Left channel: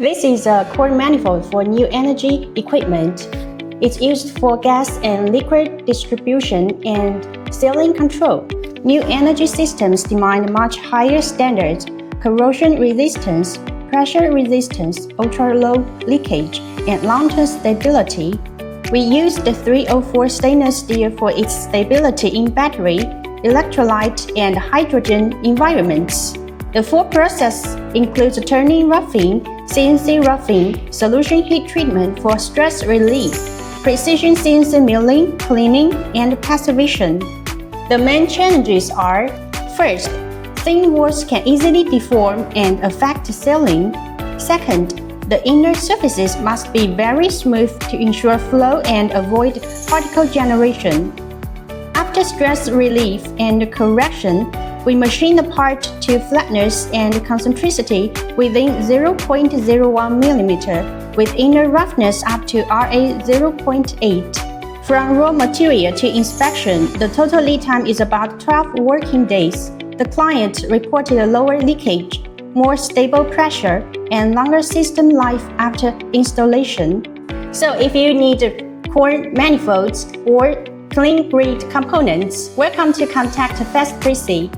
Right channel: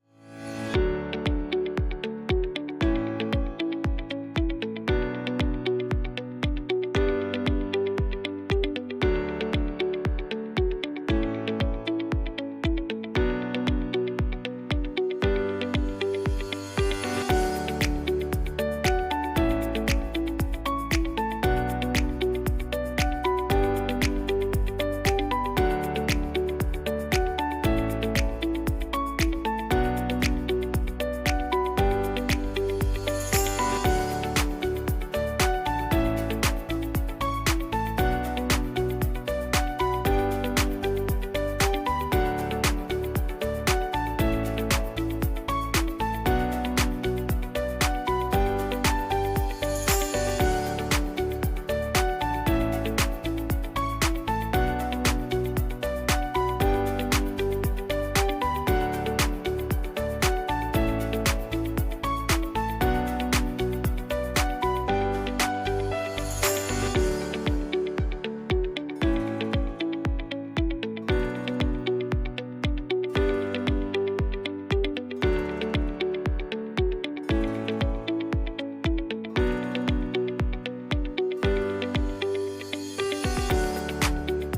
This is a core manifold for new energy equipment. It's used for gas and liquid distribution and sealing control. New energy systems demand much higher standards: corrosion resistance, pressure resistance, ultra-low leakage, and long-term stability. We use the 304 stainless steel for its stability in battery, electrolyte, and hydrogen environments. The full process includes turning roughing, CNC roughing, solution heat treatment for stress relief, precision CNC milling, cleaning, and passivation. The main challenges are: first, thin walls can easily deform and affect sealing. Second, the inner surfaces must be very smooth to ensure flow and avoid particle generation. After stress relief and correction, we machine the part to flatness and concentricity within 0.01 mm, with inner roughness up to RA 0.8. From raw material to inspection, the total lead time is about 12 working days. The client reported a lower leakage, more stable pressure, and longer system life after installation. So if you need core manifolds or clean grid components, welcome to contact FastPreci.